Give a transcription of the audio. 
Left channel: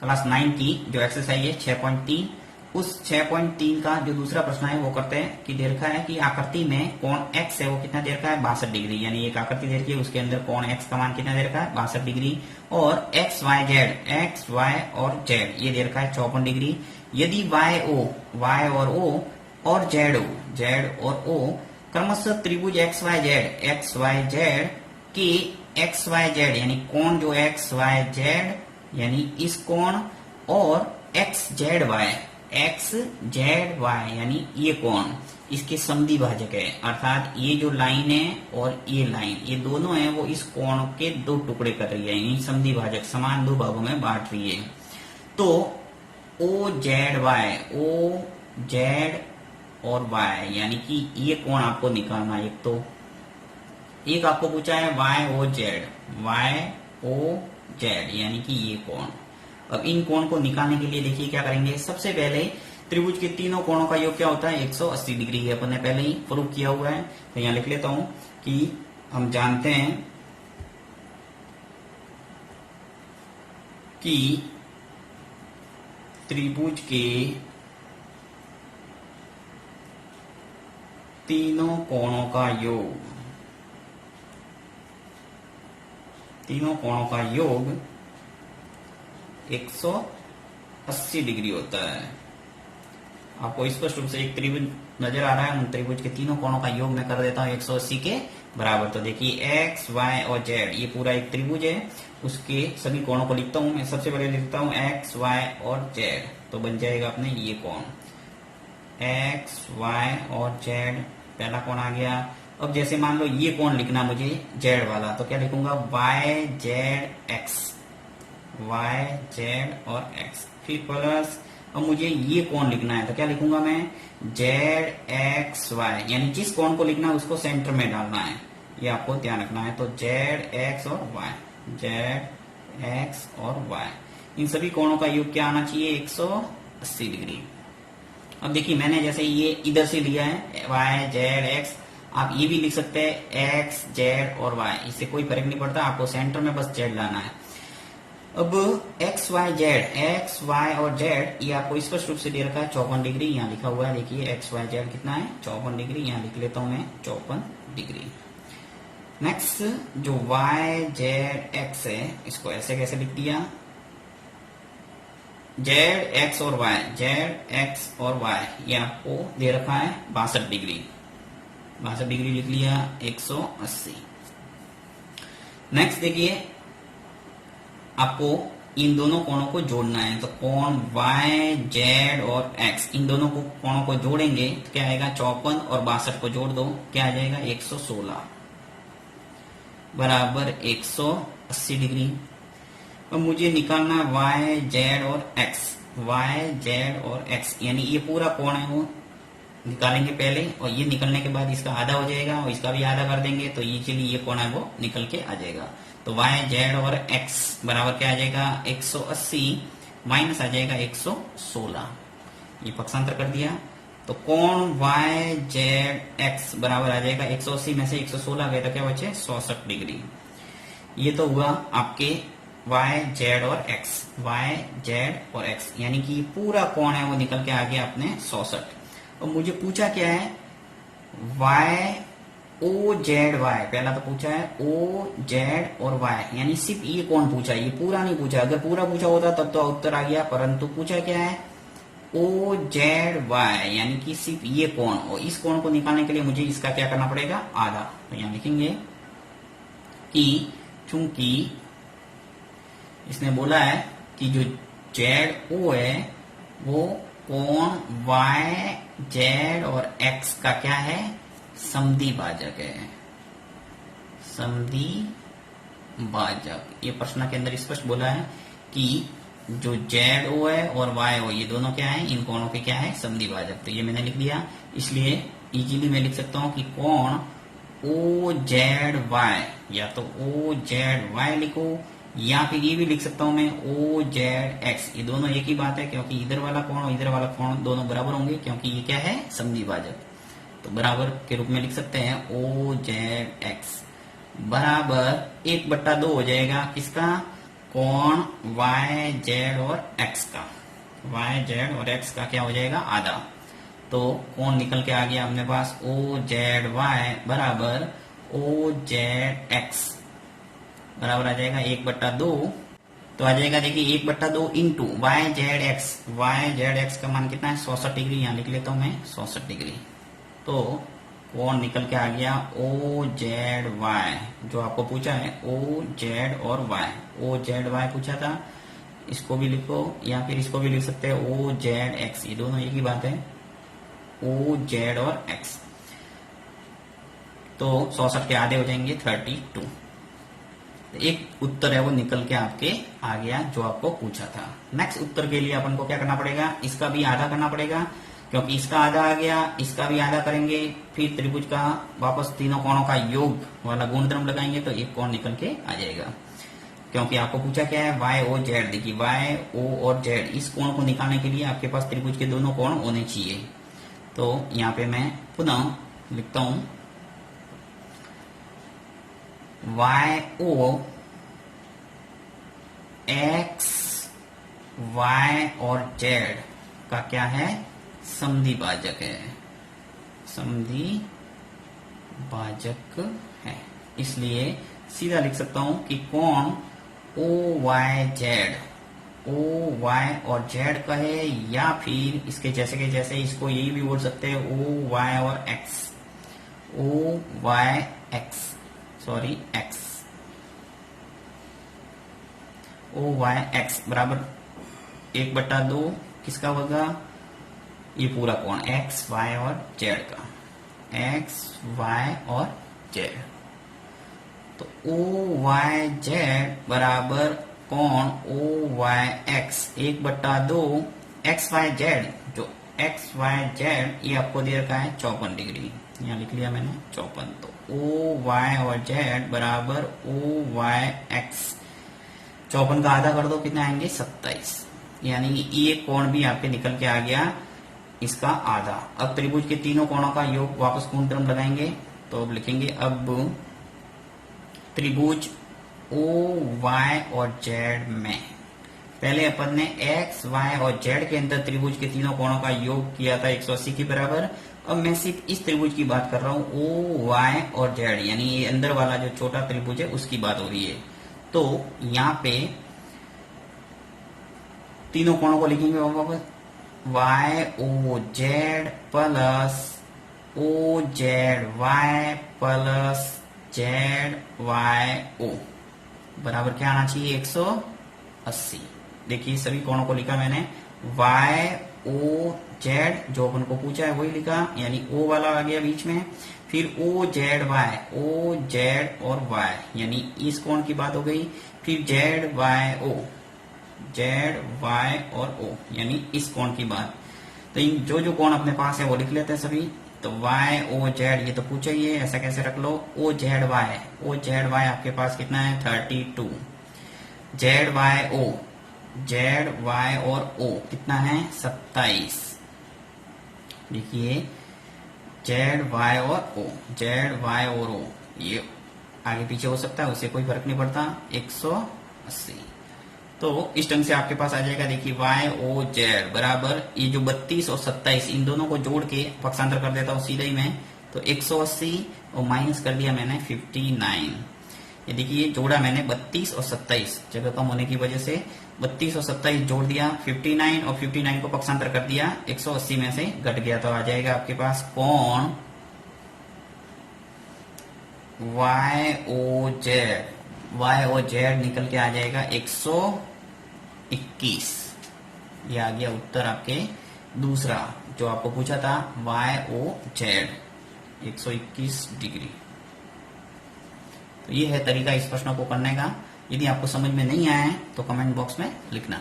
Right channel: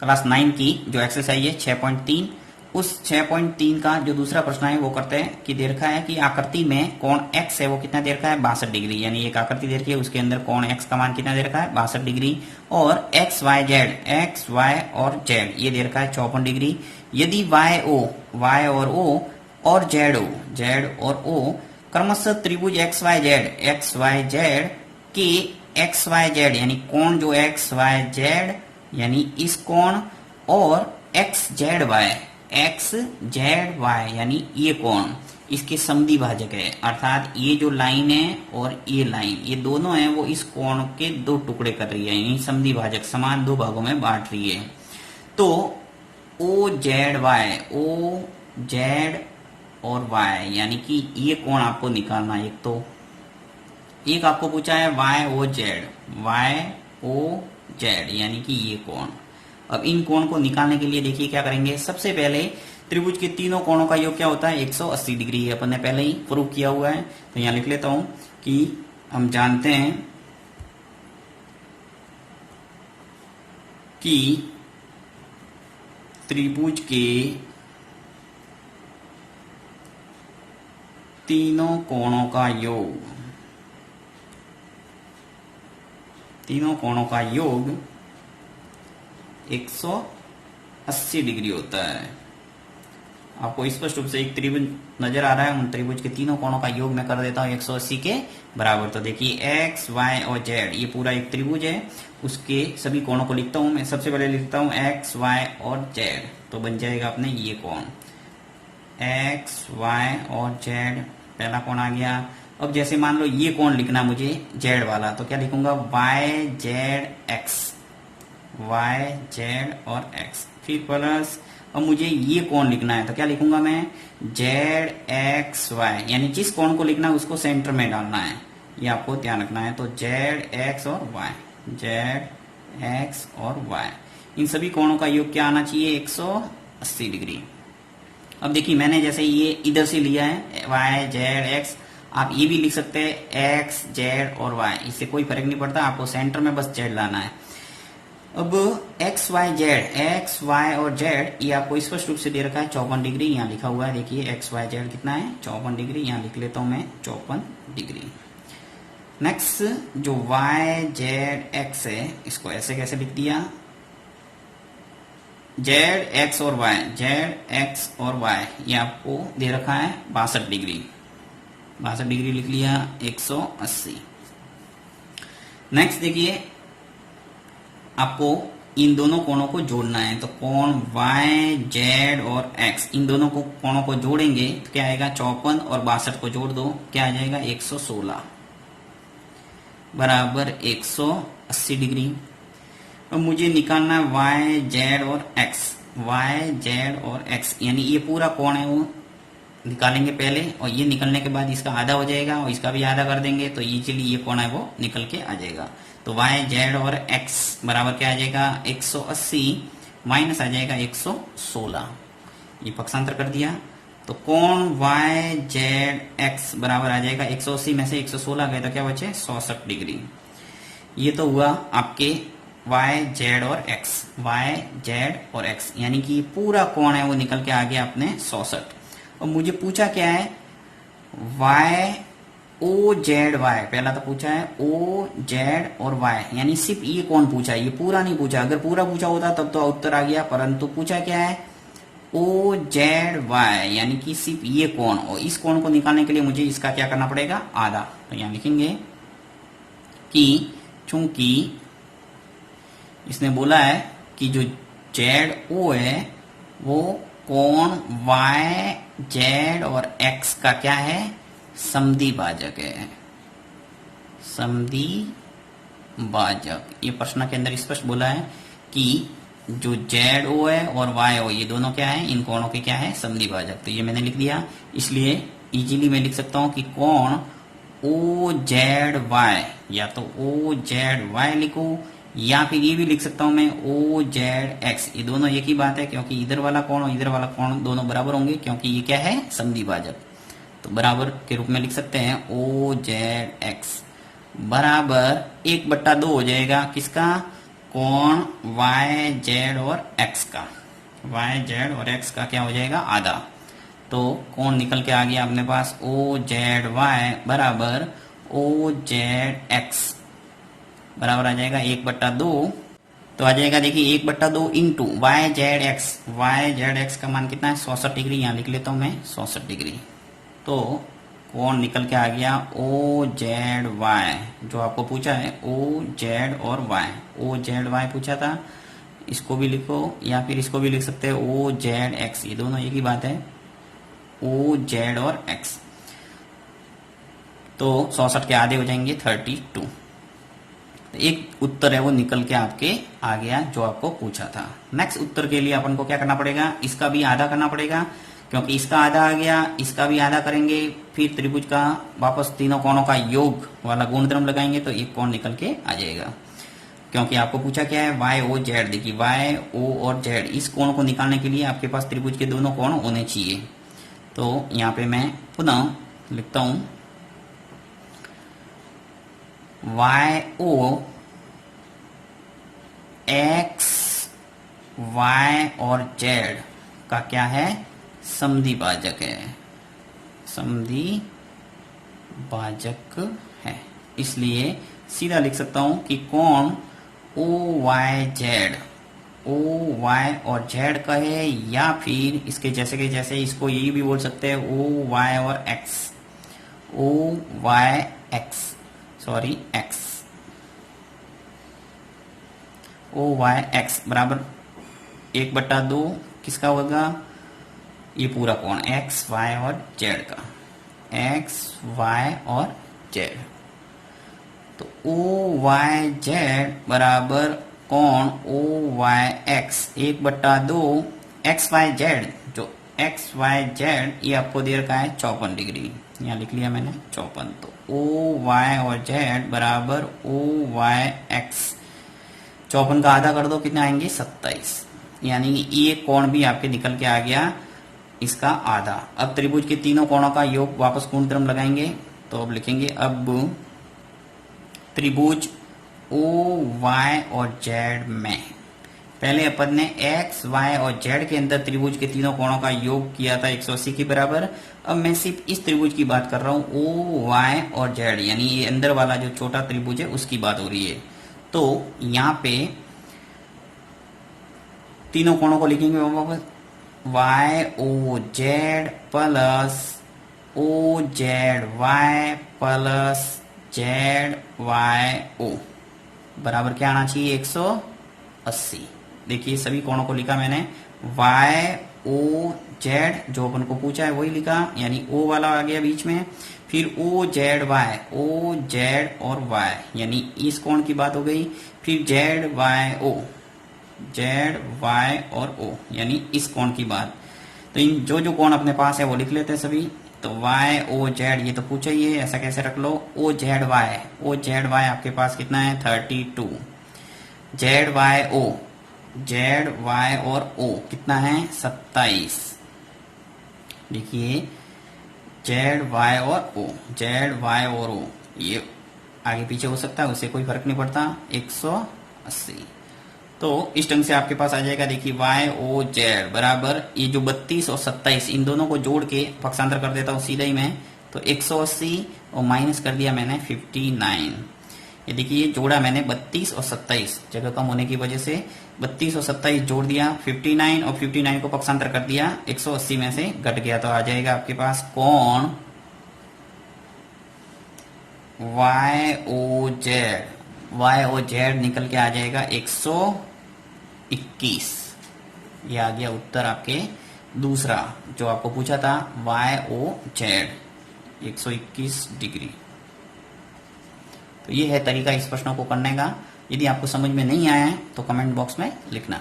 Class 9 की जो exercise है 6.3, उस 6.3 का जो दूसरा प्रश्न है वो करते हैं कि दे रखा है कि आकृति में कोण x है वो कितना दे रखा है 62 डिग्री, यानी एक आकृति दे रखी है उसके अंदर कोण x का मान कितना दे रखा है 62 डिग्री, और x y और z ये दे रखा है 54 डिग्री। यदि y और o और z और o क्रमशः त्रिभुज XYZ के XYZ यानी कोण जो XYZ यानी इस कोण और XZY यानी ये कोण इसके समद्वि भाजक है, अर्थात ये जो लाइन है और ये लाइन ये दोनों है वो इस कोण के दो टुकड़े कर रही है, यानी समद्वि भाजक समान दो भागों में बांट रही है। तो OZ और Y यानी कि ये कोण आपको निकालना है। एक आपको पूछा है YOZ यानी कि ये कोण। अब इन कोण को निकालने के लिए देखिए क्या करेंगे, सबसे पहले त्रिभुज के तीनों कोणों का योग क्या होता है 180 डिग्री, अपन ने पहले ही प्रूव किया हुआ है। तो यहां लिख लेता हूं कि हम जानते हैं कि त्रिभुज के तीनों कोणों का योग 180 डिग्री होता है। आपको स्पष्ट रूप से एक त्रिभुज नजर आ रहा है, उन त्रिभुज के तीनों कोणों का योग मैं कर देता हूं 180 के बराबर। तो देखिए x, y और z ये पूरा एक त्रिभुज है, उसके सभी कोणों को लिखता हूं मैं। सबसे पहले लिखता हूं x, y और z, तो बन जाएगा अपने ये कोण x, y और z, पहला कोण आ गया। अब जैसे मान लो ये कोण लिखना मुझे z वाला, तो क्या लिखूंगा y z और x, फिर प्लस अब मुझे ये कोण लिखना है तो क्या लिखूंगा मैं ZXY, यानी जिस कोण को लिखना है उसको सेंटर में डालना है, ये आपको ध्यान रखना है। तो ZX और Y इन सभी कोणों का योग क्या आना चाहिए 180 डिग्री। अब देखिए मैंने जैसे ये इधर से लिया है Y Z X, आप ये भी लिख सकते हैं X Z और Y, इससे कोई फर्क नहीं पड़ता, आपको सेंटर में बस Z लाना है। अब x y और z ये आपको स्पष्ट रूप से दे रखा है 54 डिग्री, यहाँ लिखा हुआ है देखिए x y z कितना है 54 डिग्री, यहाँ लिख लेता हूं मैं 54 डिग्री। नेक्स्ट जो y z x है इसको ऐसे कैसे लिख दिया, z x और y ये आपको दे रखा है 62 डिग्री लिख लिया 180। नेक्स्ट देखिए आपको इन दोनों कोणों को जोड़ना है, तो कोण y z और x इन दोनों को कोणों को जोड़ेंगे तो क्या आएगा 54 और 62 को जोड़ दो क्या आ जाएगा 116 बराबर 180 डिग्री। अब मुझे निकालना है y z और x यानी ये पूरा कोण है वो निकालेंगे पहले, और ये निकलने के बाद इसका आधा हो जाएगा और इसका भी आधा कर देंगे, तो ये चलिए ये कोण है वो निकल के आ जाएगा। तो y z और x बराबर क्या आ जाएगा 180 माइनस आ जाएगा 116, ये पक्षांतर कर दिया, तो कोण y z x बराबर आ जाएगा 180 में से 116 गया तो क्या बचे 66 डिग्री। ये तो हुआ आपके y z और x यानी कि पूरा कोण है वो निकल के आ गया अपने 66। और मुझे पूछा क्या है OZY, पहला तो पूछा है OZ और Y यानी सिर्फ ये कोण पूछा है, ये पूरा नहीं पूछा, अगर पूरा पूछा होता तब तो उत्तर आ गया, परंतु पूछा क्या है OZY यानी कि सिर्फ ये कोण, और इस कोण को निकालने के लिए मुझे इसका क्या करना पड़ेगा आधा। तो यहां लिखेंगे कि चूंकि इसने बोला है कि जो ZO है वो कोण YZ और X का क्या है समद्वि भाजक है, ये प्रश्न के अंदर स्पष्ट बोला है कि जो ZO है और YO ये दोनों क्या है इन कोणों के क्या है समद्वि भाजक। तो ये मैंने लिख दिया, इसलिए इजीली मैं लिख सकता हूं कि कोण OZY या तो OZY लिखो या फिर ये भी लिख सकता हूं मैं OZX, ये दोनों एक ही बात है क्योंकि इधर वाला कोण दोनों बराबर होंगे क्योंकि ये क्या है समद्वि भाजक, तो बराबर के रूप में लिख सकते हैं OZX बराबर 1/2 हो जाएगा किसका कोण वाई जेड और एक्स का, वाई जेड और एक्स का क्या हो जाएगा आधा। तो कोण निकल के आ गया अपने पास ओ जेड वाई बराबर ओ जेड एक्स बराबर आ जाएगा 1/2। तो आ जाएगा देखिए 1/2 into Y Z X, Y Z X का मान कितना है 66 डिग्री, यहाँ लिख लेता हूं मैं 66 डिग्री। तो कोण निकल के आ गया ओ जेड वाई, जो आपको पूछा है ओ जेड और वाई, ओ जेड वाई पूछा था, इसको भी लिखो या फिर इसको भी लिख सकते हैं ओ जेड एक्स, ये दोनों एक ही बात है, ओ जेड और एक्स। तो 66 के आधे हो जाएंगे 32। एक उत्तर है वो निकल के आपके आ गया जो आपको पूछा था। नेक्स्ट उत्तर के लिए अपन को क्या करना पड़ेगा, इसका भी आधा करना पड़ेगा, क्योंकि इसका आधा आ गया, इसका भी आधा करेंगे, फिर त्रिभुज का वापस तीनों कोणों का योग वाला गुणधर्म लगाएंगे तो एक कोण निकल के आ जाएगा। क्योंकि आपको पूछा क्या है वाई ओ जेड, देखिए वाई ओ और जेड, इस कोण को निकालने के लिए आपके पास त्रिभुज के दोनों कोण होने चाहिए। तो यहाँ पे मैं पुनः लिखता हूं वाई ओ एक्स वाई और जेड का क्या है समद्वि भाजक है, समद्वि भाजक है, इसलिए सीधा लिख सकता हूं कि कोण O Y Z, O Y और जेड का है, या फिर इसके जैसे के जैसे इसको यही भी बोल सकते हैं ओ वाई और X, O Y X, sorry X, O Y X बराबर 1/2 किसका होगा, ये पूरा कोण एक्स वाई और जेड का, एक्स वाई और जेड। तो ओ वाई जेड बराबर कोण O Y X 1/2 X Y Z, जो एक्स वाई जेड ये आपको दे रखा है 54 डिग्री, यहाँ लिख लिया मैंने 54। तो ओ वाई और जेड बराबर ओ वाई एक्स, 54 का आधा कर दो कितना आएंगे 27, यानी ये कोण भी आपके निकल के आ गया इसका आधा। अब त्रिभुज के तीनों कोणों का योग वापस गुणधर्म लगाएंगे, तो अब लिखेंगे अब त्रिभुज ओ वाई और जेड में, पहले अपन ने एक्स वाई और जेड के अंदर त्रिभुज के तीनों कोणों का योग किया था 180 के बराबर। अब मैं सिर्फ इस त्रिभुज की बात कर रहा हूं ओ वाई और जेड, यानी ये अंदर वाला जो छोटा त्रिभुज है उसकी बात हो रही है। तो यहाँ पे तीनों कोणों को लिखेंगे वापस Y O Z plus O Z Y plus Z Y O बराबर क्या आना चाहिए 180। देखिए सभी कोणों को लिखा मैंने, वाई ओ जेड जो अपन को पूछा है वही लिखा, यानी ओ वाला आ गया बीच में, फिर O Z Y, O Z और वाई यानी इस कोण की बात हो गई, फिर Z Y O, Z Y और ओ यानी इस कोण की बात। तो इन जो जो कोण अपने पास है वो लिख लेते हैं सभी। तो वाई ओ जेड ये तो पूछा ही है, ऐसा कैसे रख लो, O Z Y, O Z Y आपके पास कितना है 32, Z Y O, Z Y और ओ कितना है 27। देखिए जेड वाई और ओ, जेड वाई और ओ ये आगे पीछे हो सकता है, उससे कोई फर्क नहीं पड़ता, 180। तो इस ढंग से आपके पास आ जाएगा। देखिए वाई ओ जेड बराबर ये जो 32 और 27 इन दोनों को जोड़ के पक्षांतर कर देता हूँ सीधा ही मैं, तो 180 और माइनस कर दिया मैंने 59। ये देखिए जोड़ा मैंने 32 और 27, जगह कम होने की वजह से 32 और 27 जोड़ दिया 59 और 59 को पक्षांतर कर दिया 180 में से घट गया, तो आ जाएगा आपके पास कोण Y O Z, Y O Z निकल के आ जाएगा 121। ये आ गया उत्तर आपके दूसरा जो आपको पूछा था वाई ओ जेड 121 डिग्री। तो ये है तरीका इस प्रश्नों को करने का। यदि आपको समझ में नहीं आया है तो कमेंट बॉक्स में लिखना।